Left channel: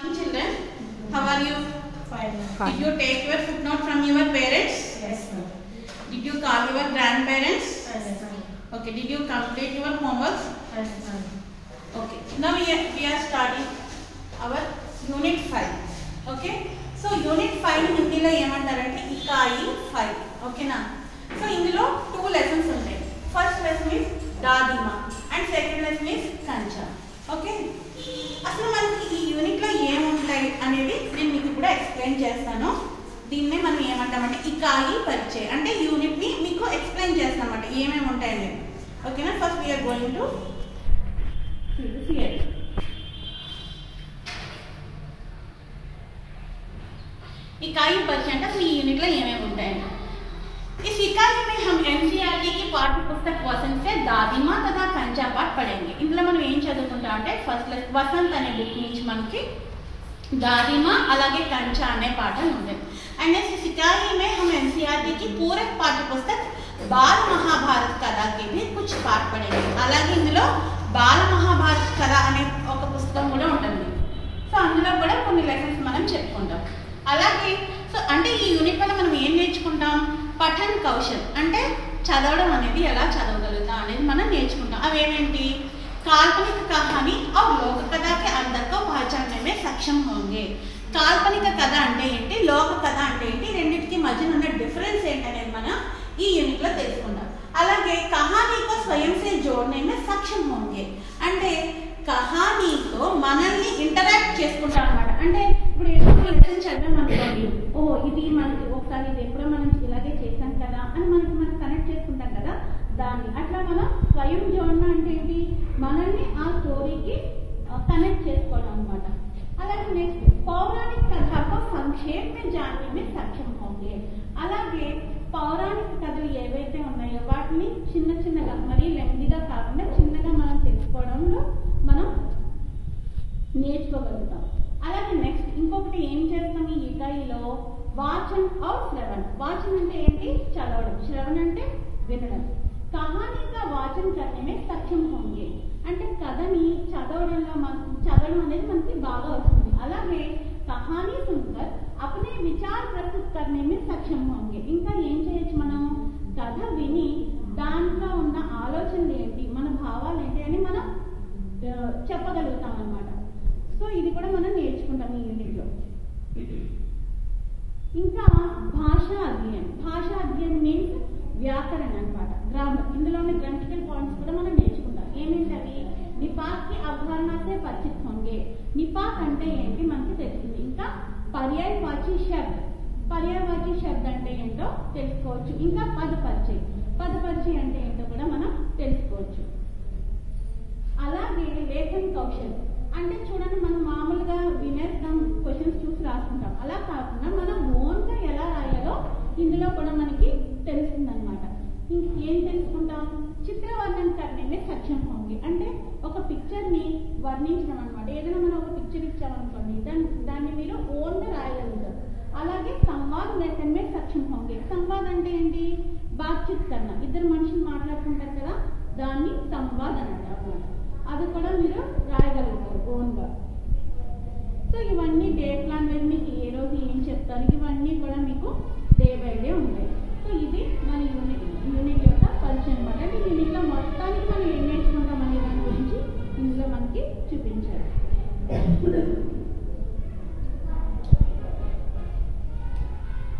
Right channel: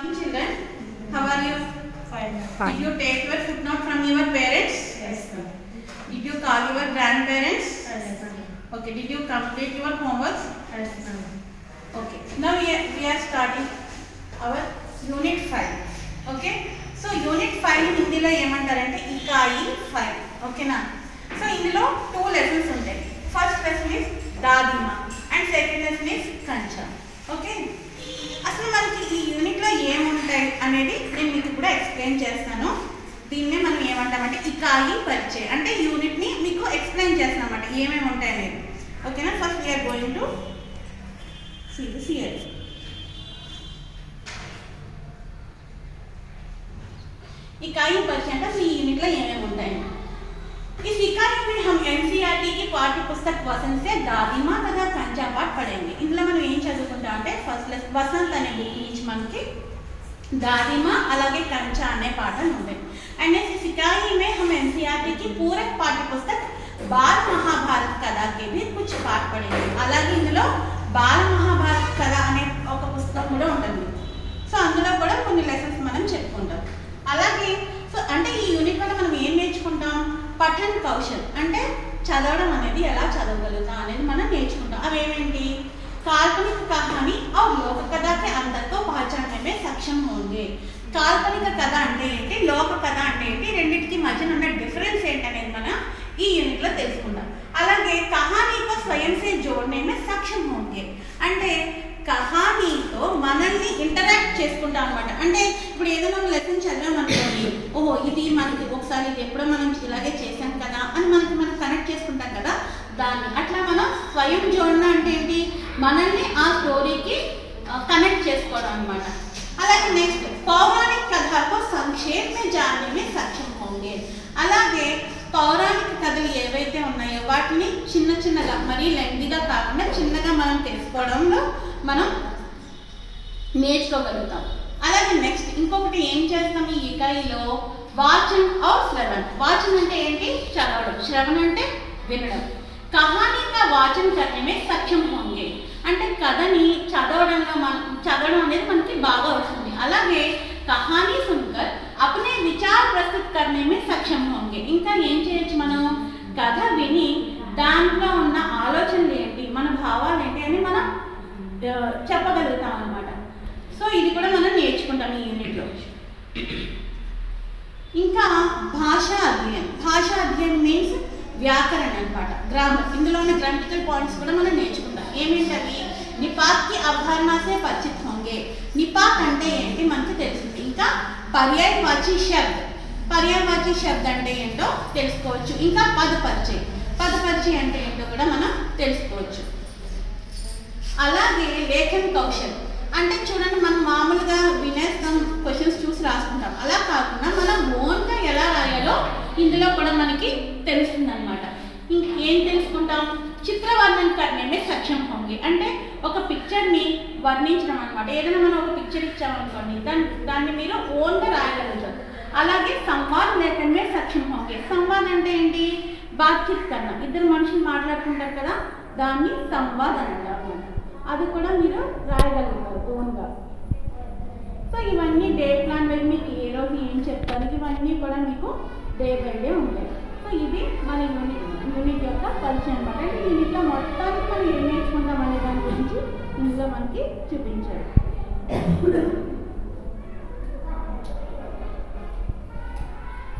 Children, how are you? Fine. Did you take your footnote from your parents? Yes, ma'am. Did you call your grandparents? Yes, ma'am. Okay. Did you complete your homework? Yes, ma'am. Okay. Now we are starting our unit 5. Okay. So unit 5 in Hindi lo ఏమంటారంటే ఇకాయి 5. ఓకేనా? So ఇందులో 2 lessons ఉంటాయి. First lesson is Dadima and second lesson is Kancha. Okay. అసలు మనకి ఈ unit లో ఏముంటాయి అనేది నేను మీకు కూడా ఎక్స్ప్లెయిన్ చేస్తాను. దీన్నే మనం ఏమంటామంటే ఇకాయి పరిచయం అంటే యూనిట్ ని మీకు ఎక్స్ప్లెయిన్ చేస్తామన్నమాట ఏమేమి ఉంటాయి అనేది. ఓకేనా? First we are going to see the theory. इकाई परसेंट असल यूनिट ये होता है. इस इकाई में हम एनसीईआरटी की पाठ्य पुस्तक वसंत से दादिमा तथा कंचा पाठ पढ़ेंगे. इंదులో మనం ఏం చదువుకుంటాం అంటే ఫస్ట్ వసంత్ అనే బుక్ నుంచి మనకి दादिमा అలాగే కంచా అనే పాఠాలు ఉంటాయి. అండ్ इस इकाई में हम एनसीईआरटी की पूरक पाठ्य पुस्तक बाल महाभारत कथा के भी कुछ पाठ पढ़ेंगे. అలాగే ఇందులో బాల మహాభారత్ కథ అనే ఒక పుస్తకం కూడా ఉంటుంది. సో అందులో కూడా కొన్ని లెసన్స్ మనం చెప్పుకుంటాం. అలాగే సో అంటే ఈ యూనిట్ వల్ల మనం ఏం నేర్చుకుంటాం? పఠన్ కౌశల్ అంటే చదవడం అనేది ఎలా చదవగలుగుతాం అనేది మనం నేర్చుకుంటాం. అవేమేంటి? కాల్పనిక కహాని और లోక కథ के अंदर को पहचानने में सक्षम होंगे. కాల్పనిక కథ అంటే ఏంటి, లోక కథ అంటే ఏంటి, రెండింటికి మధ్యన ఉన్న డిఫరెన్స్ ఏంటి అనేది మనం ఈ యూనిట్ లో తెలుసుకుంటాం. అలాగే కహానీతో స్వయం సే జోడ్నే में सक्षम होंगे అంటే కహానీతో మనల్ని ఇంటరాక్ట్ చేసుకుంటాం అనమాట. అంటే ఇప్పుడు ఏదో మనం లెసన్ చదివామనుకోండి, ఓహో ఇది మనకి ఒకసారి ఇది ఎప్పుడో మనం ఇలాగే చేసాం కదా అని మనం కనెక్ట్ చేసుకుంటాం కదా, దాన్ని అట్లా మనం స్వయం జోడన అంటే ఏంటి, మనల్ని ఆ స్టోరీకి కనెక్ట్ చేసుకోవడం అనమాట. అలాగే నెక్స్ట్ పౌరాణిక కథకు సంక్షేపమే జాన్నే సక్షం హోంగే. అలాగే పౌరాణిక కథలు ఏవైతే ఉన్నాయో వాటిని చిన్న చిన్నగా మరీ లెంగ్తీగా కాకుండా చిన్నగా మనం తెలుసుకోవడంలో మనం నేర్చుకోగలుగుతాం. అలాగే నెక్స్ట్ ఇంకొకటి ఏం చేస్తాం ఈ ఇకాయిలో, వాచన్ और శ్రవణ్. వాచన్ అంటే ఏంటి? చదవడం. శ్రవణ్ అంటే వినడం. కహానీ కా వాచన్ करने में सक्षम होंगे అంటే కథని చదవడం అనేది మనకి బాగా వస్తుంది. అలాగే కహానీ సున్కర్ अपने विचार प्रस्तुत करने में सक्षम होंगे. ఇంకా ఏం చేయొచ్చు మనం? కథ విని దాంట్లో ఉన్న ఆలోచనలు ఏంటి, మన భావాలు ఏంటి అని మనం చెప్పగలుగుతాం అన్నమాట. సో ఇది కూడా మనం నేర్చుకుంటాం ఈ యూనిట్లో. ఇంకా భాషా అధ్యయనం. భాషా అధ్యయనం మీన్స్ వ్యాకరణ అనమాట, గ్రామర్. ఇందులోని గ్రామటికల్ పాయింట్స్ కూడా మనం నేర్చుకుంటాం. ఏమేంటవి? నిపాత్ కి అవధారణ సే పరిచిత్ హోంగే. నిపాత్ అంటే ఏంటి మనకి తెలుస్తుంది. ఇంకా పర్యాయవాచి శబ్ద్. పర్యాయవాచి శబ్ద్ అంటే ఏంటో తెలుసుకోవచ్చు. ఇంకా పదపరిచయం. పదపరిచయం అంటే ఏంటో కూడా మనం తెలుసుకోవచ్చు. అలాగే లేఖన్ కౌశల్ అంటే చూడండి, మనం మామూలుగా వినేస్తాం, క్వశ్చన్స్ చూసి రాసుకుంటాం. అలా కాకుండా మనం ఓన్గా ఎలా రాయాలో ఇందులో కూడా మనకి తెలుస్తుంది అనమాట. ఇంకేం తెలుసుకుంటాం? చిత్రవర్ణన కర్ణమే సక్షం హోంగి అంటే ఒక పిక్చర్ని వర్ణించడం అనమాట. ఏదైనా మనం ఒక పిక్చర్ ఇచ్చామనుకోండి, దాన్ని మీరు ఓన్గా రాయగలుగుతారు. అలాగే సంవాద్ లేఖనమే సక్షం హోంగి. సంవాద్ అంటే ఏంటి? బాత్చిత్ కన్నా, ఇద్దరు మనుషులు మాట్లాడుకుంటారు కదా, దాన్ని సంవాద్ అని అంటారు. అది కూడా మీరు రాయగలుగుతారు ఓన్గా. సో ఇవన్నీ డే ప్లాన్ వైజ్ మీకు ఏ రోజు ఏం చెప్తారు ఇవన్నీ కూడా మీకు డే బై డే ఉంటాయి. సో ఇది మన యూనిట్ యొక్క పరిచయం అనమాట. అంటే యూనిట్లో మొత్తానికి మనం ఏం నేర్చుకుంటాం అనే దాని గురించి ఇందులో మనకి చూపించారు.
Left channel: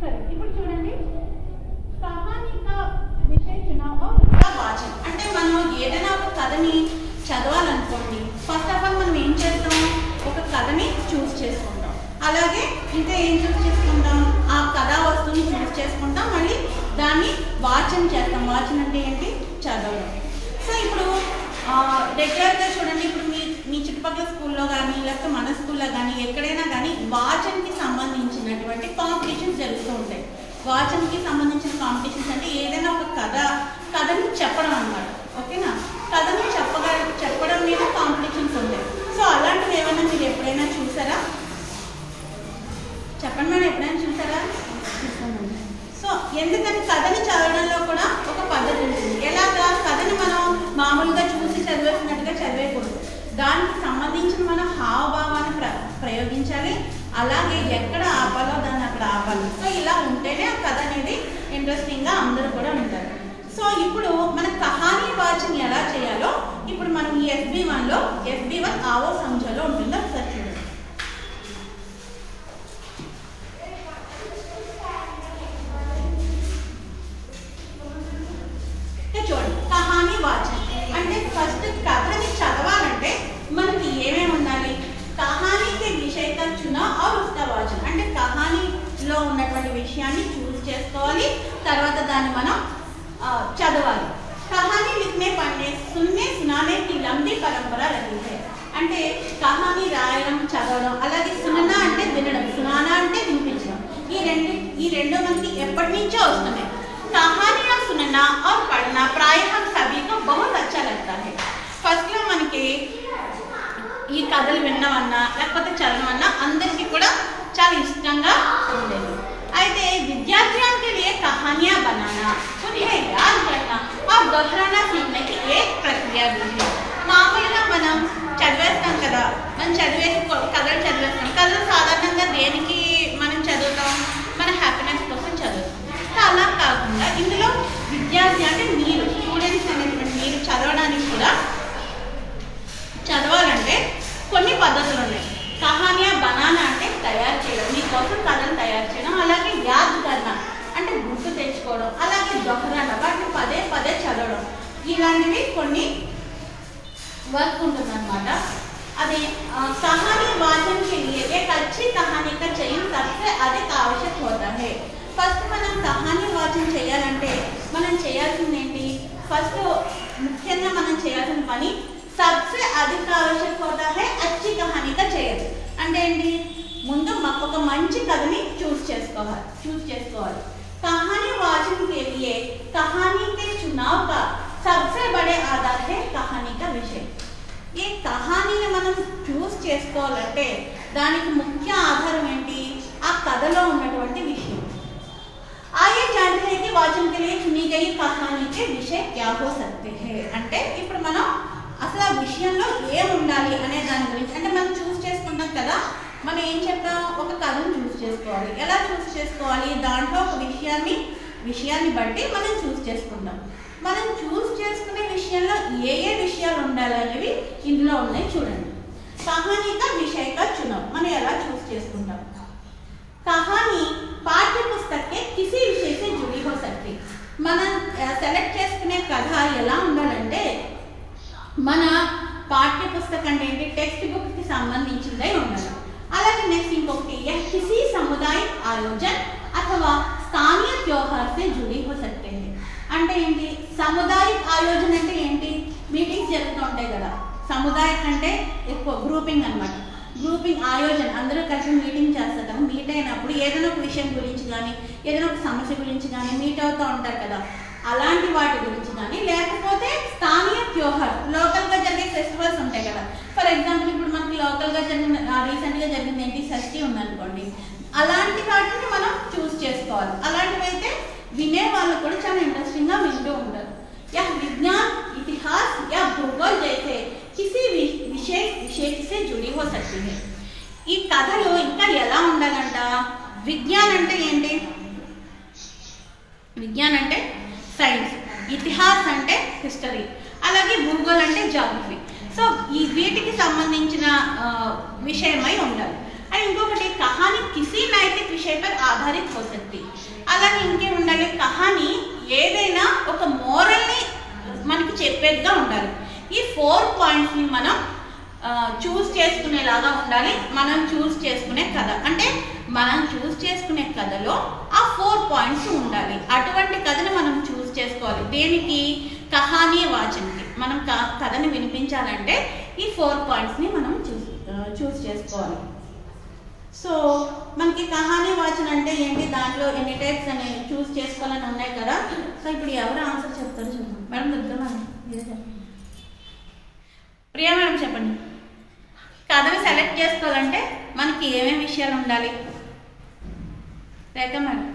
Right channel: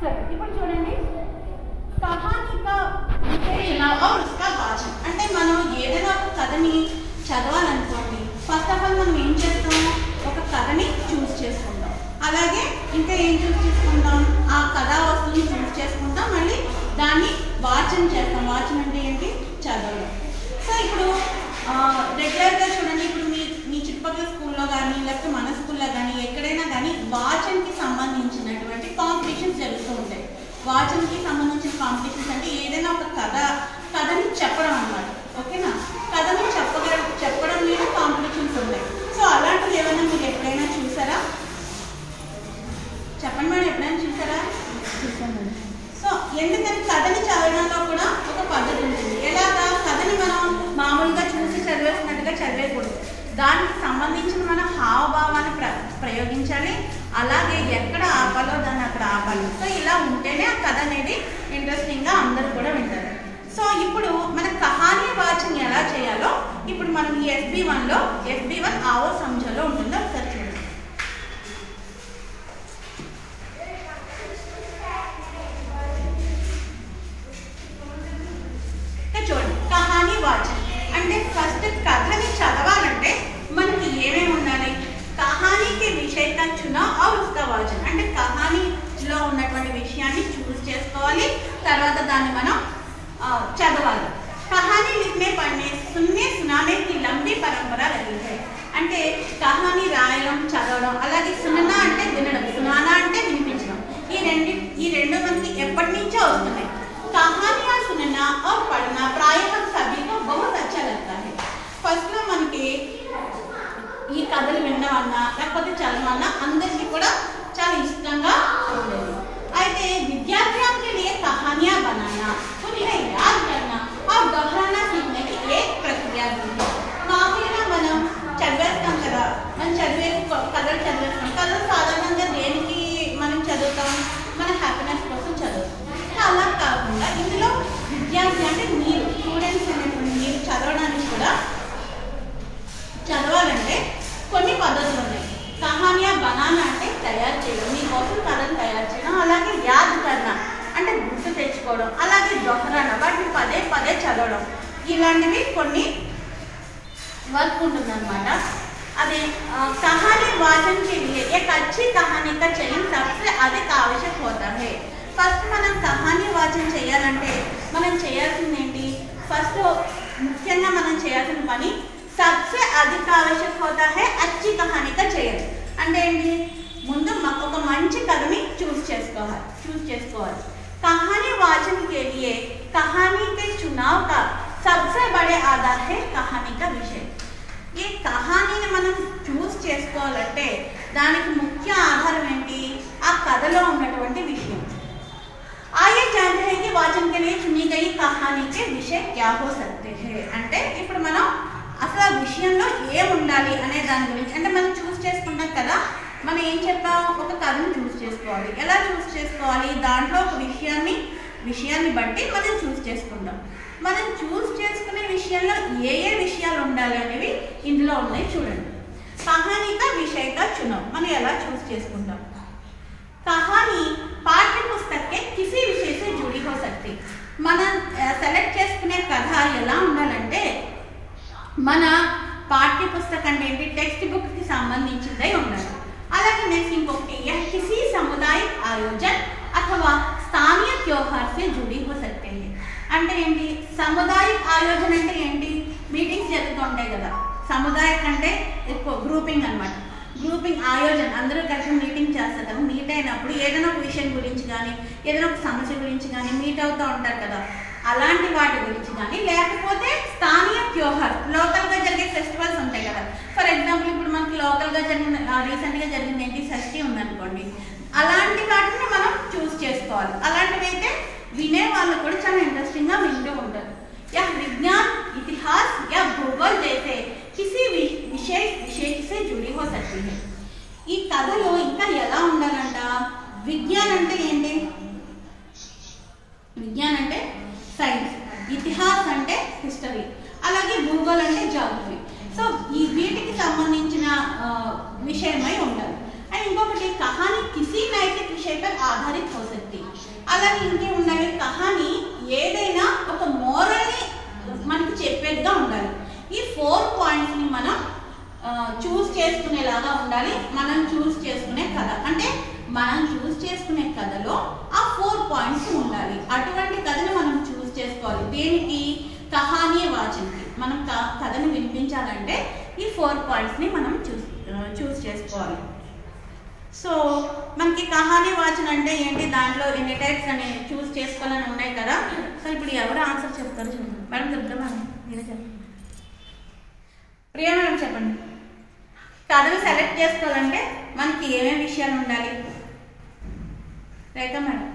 సరే, ఇప్పుడు చూడండి, కహానిక విశ్లేషణ और उसका वाचन అంటే మనం ఏదైనా ఒక కథని చదవాలనుకోండి, ఫస్ట్ ఆఫ్ ఆల్ మనం ఏం చేస్తాం? ఒక కథని చూస్ చేసుకుంటాం. అలాగే ఇంకా ఏం చూస్ చేసుకుంటాం? ఆ కథా వస్తువుని చూస్ చేసుకుంటాం. మళ్ళీ దాన్ని వాచన చేస్తాం. వాచన అంటే ఏంటి? చదవడం. సో ఇప్పుడు రెగ్యులర్గా చూడండి, ఇప్పుడు మీ చుట్టుపక్కల స్కూల్లో కానీ లేకపోతే మన స్కూల్లో కానీ ఎక్కడైనా కానీ వాచనకి సంబంధించినటువంటి కాంపిటీషన్స్ జరుగుతూ ఉంటాయి. వాచనకి సంబంధించిన కాంపిటీషన్స్ అంటే ఏదైనా ఒక కథని చెప్పడం అన్నమాట. ఓకేనా? కథని చెప్పడం మీద కాంపిటీషన్స్ ఉంటాయి. సో అలాంటివి ఏమైనా మీరు ఎప్పుడైనా చూసారా? చెప్పండి మేడం, ఎప్పుడైనా చూసారా? సో ఎందుకంటే కథని చదవడంలో కూడా ఒక పద్ధతి ఉంటుంది. ఎలాగా? కథని మనం మామూలుగా చూసి చదివేసినట్టుగా చదివేయకూడదు. దానికి సంబంధించిన మన హావభావాన్ని ప్రయోగించాలి, అలాగే ఎక్కడ ఆపాలో దాన్ని అక్కడ ఆపాలి. సో ఇలా ఉంటేనే ఆ కథ అనేది ఇంట్రెస్టింగ్గా అందరూ కూడా వింటారు. సో ఇప్పుడు మన కహానీ వాచన్ ఎలా చేయాలో ఇప్పుడు మనం ఈ SB1లో SB1 ఆవో సంఖ్యలో ఉంటుందో ఒకసారి చూడండి. చూడండి, కహానీ వాచన్ అంటే ఫస్ట్ కథని చదవాలంటే మనకి ఏమేమి ఉండాలి? కహానీకి విషయ కా చునావ్ और उसका वाचन అంటే కహానీలో ఉన్నటువంటి విషయాన్ని చూస్ చేసుకోవాలి, తర్వాత దాన్ని మనం చదవాలి. కహానీ లిఖనే పढ़ने सुनने सुनाने की लंबी परंपरा रही है. అంటే కహానీ రాయడం చదవడం, అలాగే సుననా అంటే వినడం, సునానా అంటే వినిపించడం, ఈ రెండు మనకి ఎప్పటి నుంచో వస్తున్నాయి. कहानियाँ सुनना और पढ़ना प्राय हम सभी को बहुत अच्छा लगता है. ఫస్ట్ లో మనకి ఈ కథలు విన్నవన్నా లేకపోతే చదవమన్నా అందరికీ కూడా చాలా ఇష్టంగా ఉండేది. అయితే विद्यार्थियों के लिए कहानियाँ बनाना, उन्हें याद करना और दोहराना सीखने की एक प्रक्रिया भी है. మామూలుగా మనం చదివేస్తాం కదా, మనం కథలు చదివేస్తాం. కథలు సాధారణంగా దేనికి మనం చదువుతాం? మన హ్యాపీనెస్ కోసం చదువుతాం. అలా కాకుండా ఇందులో విద్యార్థి అంటే మీరు స్టూడెంట్స్ అనేటువంటి మీరు చదవడానికి కూడా చదవాలంటే కొన్ని పద్ధతులు ఉన్నాయి. కహానియా బనానా అంటే తయారు చేయడం, మీకోసం కథను తయారు చేయడం, అలాగే యాద్ కర్నా అంటే గుర్తు తెచ్చుకోవడం, అలాగే దొహరానా వాటిని పదే పదే చదవడం, ఇలాంటివి కొన్ని వర్క్ ఉంటుందన్నమాట. అదే कहानी वाचन के लिए एक अच्छी कहानी का चयन सबसे अधिक आवश्यक होता है. ఫస్ట్ మనం కహానీ వాచన చేయాలంటే మనం చేయాల్సింది ఏంటి? ఫస్ట్ ముఖ్యంగా మనం చేయాల్సిన పని सबसे अधिक आवश्यक होता है अच्छी कहानी का चयन. అంటే ఏంటి? ముందు ఒక మంచి కథని చూస్ చేసుకోవాలి. कहानी वाचन के लिए कहानी के चुनाव का सबसे बड़े आधार है कहानी का विषय. ఈ కహానీని మనం చూస్ చేసుకోవాలంటే దానికి ముఖ్య ఆధారం ఏంటి? ఆ కథలో ఉన్నటువంటి విషయం. आइए जानते हैं कि वाचन के लिए चुनी गई कहानी के विषय क्या हो सकते हैं. అంటే ఇప్పుడు మనం అసలు ఆ విషయంలో ఏం ఉండాలి అనే దాని గురించి, అంటే మనం చూస్ చేసుకుంటాం కదా, మనం ఏం చెప్పాం? ఒక కథను చూస్ చేసుకోవాలి. ఎలా చూస్ చేసుకోవాలి? దాంట్లో ఒక విషయాన్ని బట్టి మనం చూస్ చేసుకుంటాం. మనం చూస్ చేసుకునే విషయంలో ఏ విషయాలు ఉండాలి అనేవి ఇందులో ఉన్నాయి చూడండి. కహానీ కా విషయ కా చునావ్ మనం ఎలా చూస్ చేసుకుంటాం? कहानी पाठ्य पुस्तक के किसी विषय से जुड़ी हो सकती. మనం సెలెక్ట్ చేసుకునే కథ ఎలా ఉండాలంటే మన పాఠ్య పుస్తకం అంటే ఏంటి? టెక్స్ట్ బుక్ కి సంబంధించిందై ఉండాలి. అలాగే నెక్స్ట్ ఇంకొకటి यह किसी सामुदायिक आयोजन अथवा स्थानीय त्योहार से जुड़ी हो सकते हैं. అంటే ఏంటి? सामुदायिक आयोजन అంటే ఏంటి? మీటింగ్స్ జరుగుతూ ఉంటాయి కదా. సముదాయక్ అంటే ఎక్కువ గ్రూపింగ్ అన్నమాట. గ్రూపింగ్ ఆయోజన అందరూ కలిసి మీటింగ్ చేస్తారు కదా. మీట్ అయినప్పుడు ఏదైనా ఒక విషయం గురించి కానీ ఏదైనా ఒక సమస్య గురించి కానీ మీట్ అవుతూ ఉంటారు కదా, అలాంటి వాటి గురించి కానీ, లేకపోతే స్థానియ త్యోహార్ లోకల్గా జరిగే ఫెస్టివల్స్ ఉంటాయి కదా. ఫర్ ఎగ్జాంపుల్ ఇప్పుడు మనకి లోకల్గా జరిగిన రీసెంట్గా జరిగింది ఏంటి? షష్ఠి ఉందనుకోండి, అలాంటి వాటిని మనం చూస్ చేసుకోవాలి. అలాంటివి అయితే వినే వాళ్ళు కూడా చాలా ఇంట్రెస్టింగ్గా వింటూ ఉంటారు. या विज्ञान इतिहास या भूगोल जैसे किसी विषय से जुड़ी हो सकती है. ఈ కథలో ఇంకా ఎలా ఉండాలంట? విజ్ఞాన్ అంటే ఏంటి? విజ్ఞాన్ అంటే సైన్స్, ఇతిహాస్ అంటే హిస్టరీ, అలాగే భూగోల్ అంటే జాగ్రఫీ. సో ఈ వీటికి సంబంధించిన విషయమై ఉండాలి. అండ్ ఇంకొకటి కహానీ కిసీ నైతిక విషయ పర్ ఆధారిత హో సక్తి. అలాగే ఇంకేం ఉండాలి? కహానీ ఏదైనా ఒక మోరల్ని మనకి చెప్పేదిగా ఉండాలి. ఈ 4 పాయింట్స్ని మనం చూస్ చేసుకునేలాగా ఉండాలి. మనం చూస్ చేసుకునే కథ అంటే మనం చూస్ చేసుకునే కథలో ఆ 4 పాయింట్స్ ఉండాలి. అటువంటి కథని మనం చూస్ చేసుకోవాలి. దేనికి? కహానీ వాచన్కి. మనం కథని వినిపించాలంటే ఈ 4 పాయింట్స్ని మనం చూస్ చేసుకోవాలి. సో మనకి కహానీ వాచన అంటే ఏంటి? దాంట్లో ఎన్ని టైప్స్ అని చూస్ చేసుకోవాలని ఉన్నాయి కదా. సో ఇప్పుడు ఎవరు ఆన్సర్ చెప్తారో చూద్దాం. మేడం చెప్తామా? మీరే చెప్పండి. ప్రియా మేడం చెప్పండి. కథను సెలెక్ట్ చేసుకోవాలంటే మనకి ఏమేమి విషయాలు ఉండాలి? రేఖ మేడం.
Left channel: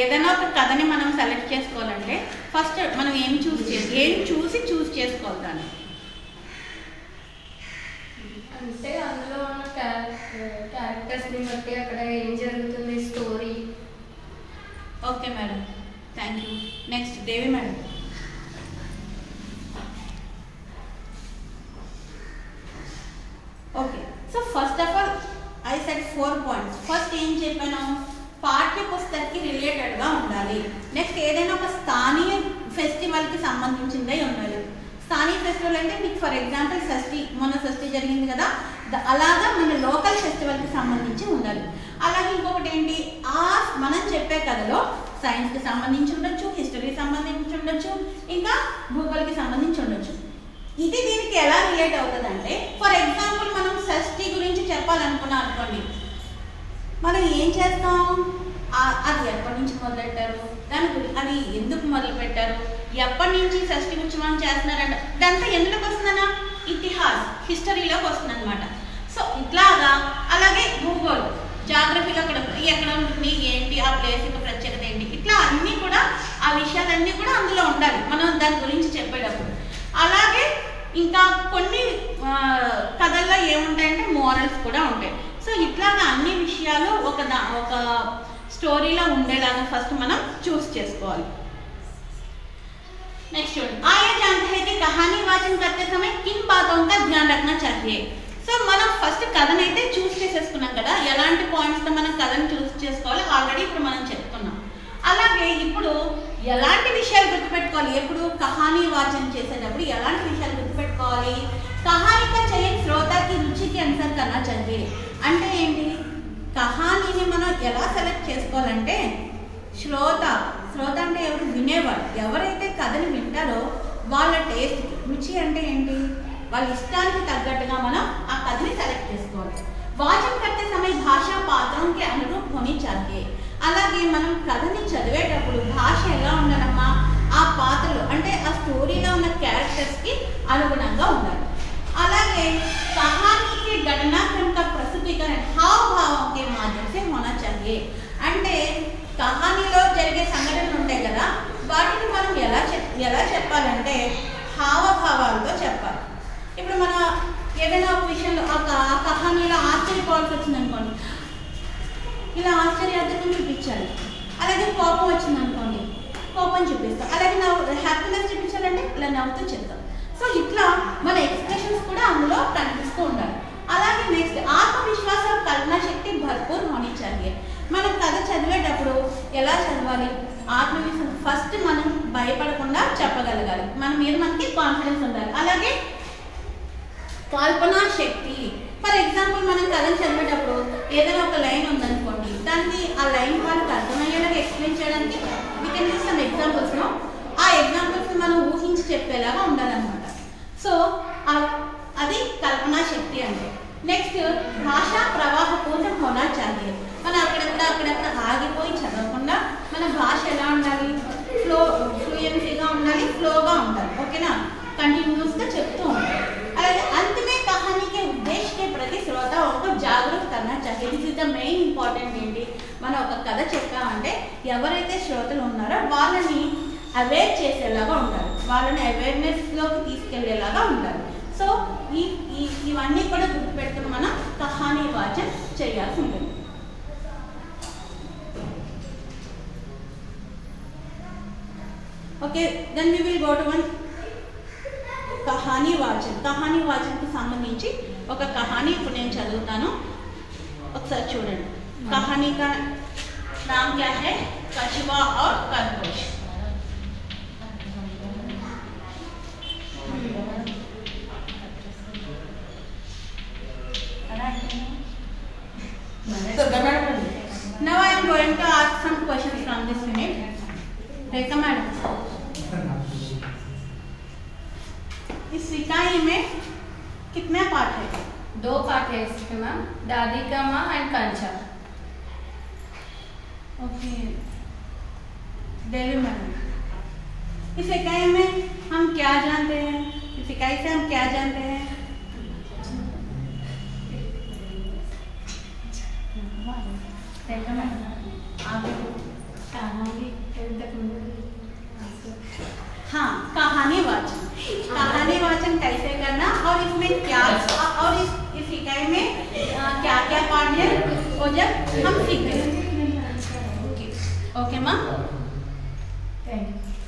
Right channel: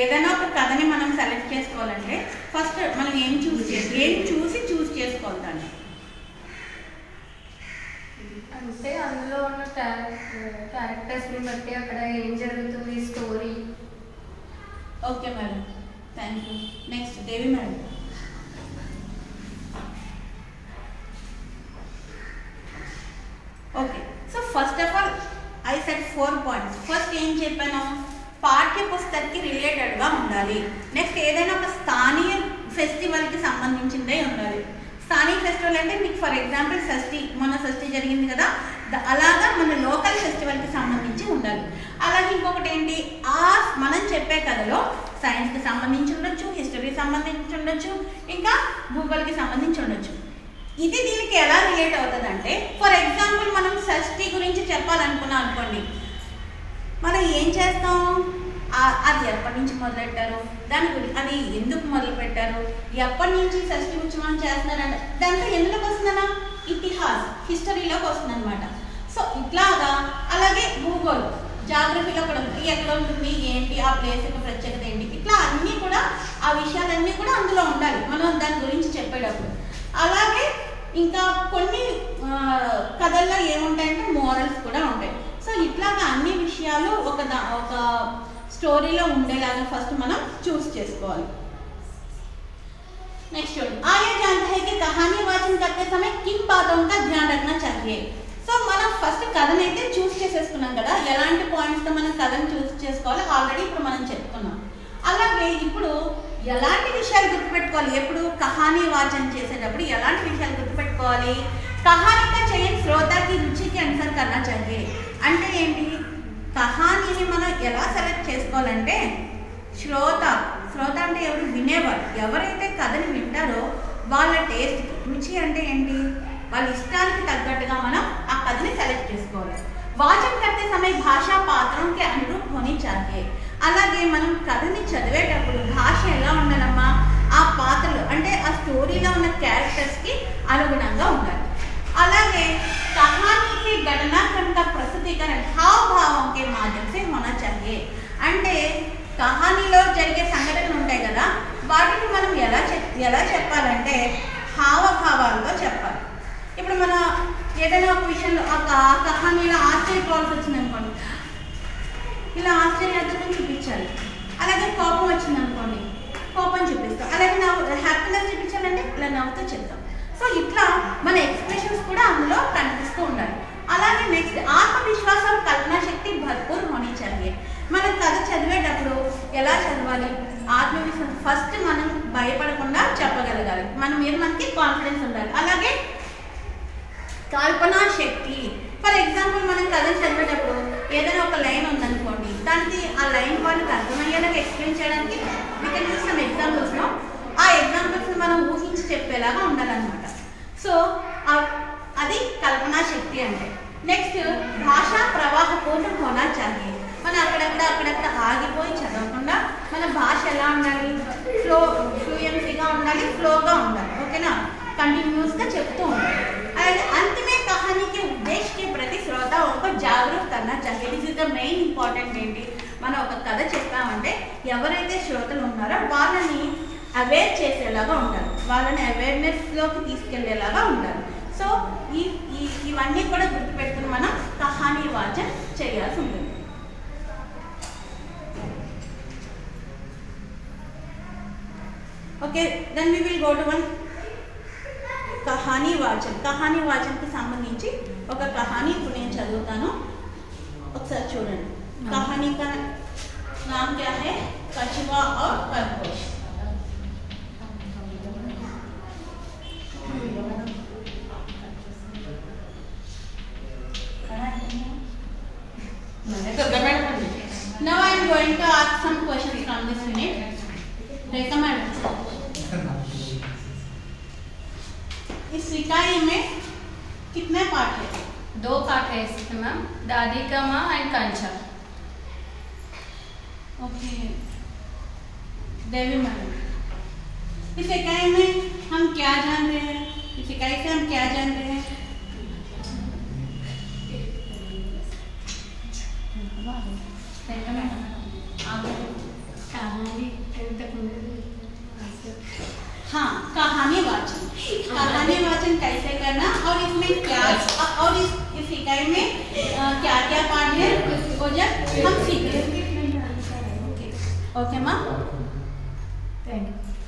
ఏదైనా ఒక కథని మనం సెలెక్ట్ చేసుకోవాలంటే ఫస్ట్ మనం ఏం చూసి చూస్ చేసుకోవాలి దాన్ని. అంటే అందులో ఉన్న క్యారెక్టర్స్ని బట్టి అక్కడ ఏం జరుగుతుంది story. Okay madam, thank you. Next Devi madam. Okay, so first of all I set 4 points. First ఏం చెప్పాను, పాఠ్య పుస్తకానికి రిలేటెడ్గా ఉండాలి. నెక్స్ట్ ఏదైనా ఒక స్థానియ ఫెస్టివల్కి సంబంధించిందే ఉండాలి. స్థానిక ఫెస్టివల్ అంటే మీకు ఫర్ ఎగ్జాంపుల్ షష్ఠి, మొన్న షష్ఠి జరిగింది కదా, అలాగా మన లోకల్ ఫెస్టివల్కి సంబంధించి ఉండాలి. అలాగే ఇంకొకటి ఏంటి, మనం చెప్పే కథలో సైన్స్కి సంబంధించి ఉండొచ్చు, హిస్టరీకి సంబంధించి ఉండొచ్చు, ఇంకా భూగోళకి సంబంధించి ఉండొచ్చు. ఇది దీనికి ఎలా రిలేట్ అవుతుంది అంటే, ఫర్ ఎగ్జాంపుల్ మనం షష్ఠి గురించి చెప్పాలనుకున్నాం అనుకోండి, మనం ఏం చేస్తాం, అది ఎప్పటి నుంచి మొదలెట్టారు, దాని గురించి అది ఎందుకు మొదలు పెట్టారు, ఎప్పటి నుంచి షష్ఠి గురించి మనం చేస్తున్నారంట, ఇదంతా ఎందులోకి వస్తుందన్నా, హిస్టరీలోకి వస్తుంది అనమాట. సో ఇట్లాగా. అలాగే భూగోళం, జాగ్రఫీలో ఎక్కడ ఉంటుంది, ఏంటి ఆ ప్లేస్ యొక్క ప్రత్యేకత ఏంటి, ఇట్లా అన్నీ కూడా ఆ విషయాలన్నీ కూడా అందులో ఉండాలి మనం దాని గురించి చెప్పేటప్పుడు. అలాగే ఇంకా కొన్ని కథల్లో ఏముంటాయంటే మోరల్స్ కూడా ఉంటాయి. సో ఇట్లాగా అన్ని విషయాలు ఒక స్టోరీలో ఉండేలాగా ఫస్ట్ మనం చూస్ చేసుకోవాలి. नेक्स्ट आइए जानते हैं कि कहानी वाचन करते समय किन बातों का ध्यान रखना चाहिए. సో మనం ఫస్ట్ కథను అయితే చూస్ చేసేసుకున్నాం కదా, ఎలాంటి పాయింట్స్తో మనం కథను చూస్ చేసుకోవాలి ఆల్రెడీ ఇప్పుడు మనం చెప్పుకున్నాం. అలాగే ఇప్పుడు ఎలాంటి విషయాలు గుర్తుపెట్టుకోవాలి, ఎప్పుడు కహానీ వాచన చేసేటప్పుడు ఎలాంటి విషయాలు గుర్తుపెట్టుకోవాలి. కహానీ కా చయన్ శ్రోతా కి రుచికి అనుసార్ కన్నా चाहिए. అంటే ఏంటి, కహానీని మనం ఎలా సెలెక్ట్ చేసుకోవాలంటే శ్రోత అంటే ఎవరు, వినేవాడు, ఎవరైతే కథని వింటారో వాళ్ళ టేస్ట్, రుచి అంటే ఏంటి, వాళ్ళ ఇష్టానికి తగ్గట్టుగా మనం ఆ కథని సెలెక్ట్ చేసుకోవాలి. వాచన కర్తే సమయ భాషా పాత్రంకి అనురూప్ హోనీ చాహియే. అలాగే మనం కథని చదివేటప్పుడు భాష ఎలా ఉండాలమ్మా, ఆ పాత్రలు అంటే ఆ స్టోరీలో ఉన్న క్యారెక్టర్స్కి అనుగుణంగా ఉండాలి. అలాగే కహానీకి ఘటనాక్రమ का प्रस्तुतीकरण हाव भावों के माध्यम से होना चाहिए. అంటే కహానీలో జరిగే సంఘటనలు ఉంటాయి కదా, వాటిని మనం ఎలా చెప్పాలంటే హావభావాలతో చెప్పాలి. ఇప్పుడు మన ఏదైనా ఒక విషయంలో ఆ కహానీలో ఆశ్చర్యపోవాల్సి వచ్చింది అనుకోండి, ఇలా ఆశ్చర్యార్థకం చూపించాలి. అలాగే కోపం వచ్చింది అనుకోండి, కోపం చూపిస్తాం. అలాగే హ్యాపీనెస్ చూపించాలంటే ఇలా నవ్వుతూ చెప్తాం. సో ఇట్లా మన ఎక్స్ప్రెషన్స్ కూడా అందులో కనిపిస్తూ ఉండాలి. అలాగే నెక్స్ట్ ఆత్మవిశ్వాసం కల్పనా శక్తి భర్పూర్ హోనీ చాహియే. మనం కథ చదివేటప్పుడు ఎలా చదవాలి, ఆత్మవిశ్వాసం ఫస్ట్ మనం భయపడకుండా చెప్పగలగాలి, మన మీద మనకి కాన్ఫిడెన్స్ ఉండాలి. అలాగే కల్పనా శక్తి, ఫర్ ఎగ్జాంపుల్ మనం కథ చదివేటప్పుడు ఏదైనా ఒక లైన్ ఉందనుకోండి, దానికి ఆ లైన్ వాళ్ళకి అర్థమయ్యేలాగా ఎక్స్ప్లెయిన్ చేయడానికి వీ కెన్ యూజ్ సమ్ ఎగ్జాంపుల్స్లో ఆ ఎగ్జాంపుల్స్ మనం ఊహించి చెప్పేలాగా ఉండాలన్నమాట. సో అది కల్పనా శక్తి అంటే. నెక్స్ట్ భాషా ప్రవాహపూర్ణం హోనా చాహియే. మనం అక్కడక్కడ ఆగిపోయి చదవకుండా మన భాష ఎలా ఉండాలి, ఫ్లూయెన్సీగా ఉండాలి, ఫ్లోగా ఉండాలి. ఓకేనా, కంటిన్యూస్గా చెప్తూ ఉండాలి. అలాగే अंत में कहानी के उद्देश्य के प्रति श्रोताओं को जागरूक करना चाहिए. This is the main important. ఏంటి, మనం ఒక కథ చెప్పామంటే ఎవరైతే శ్రోతలు ఉన్నారో వాళ్ళని అవేర్ చేసేలాగా ఉండాలి, వాళ్ళని అవేర్నెస్లోకి తీసుకెళ్లేలాగా ఉండాలి. సో ఇవన్నీ కూడా గుర్తుపెట్టుకుని మనం కహానీ వాచన చేయాల్సి ఉంటుంది. Okay, then we will go to one కహానీ వాచన్. కహానీ వాచన్కి సంబంధించి ఒక కహానీ ఇప్పుడు నేను చదువుతాను, ఒకసారి చూడండి. కహానీ కా నామ్ క్యా హై, కछुआ और खरगोश. Now I am going to ask some questions from this unit. Rekha madam, इस इकाई में कितने पार्ट है? 2 पार्ट है इसके मैम, दादी का माँ एंड कंचा. ओके देवी मैडम, इस इकाई में हम क्या जानते हैं, इस इकाई से हम क्या जानते हैं? हाँ, कहानी वाचन. कहानी वाचन कैसे करना और इसमें क्या और इसको जब हम सीखते हैं। ओके माँ, थैंक यू।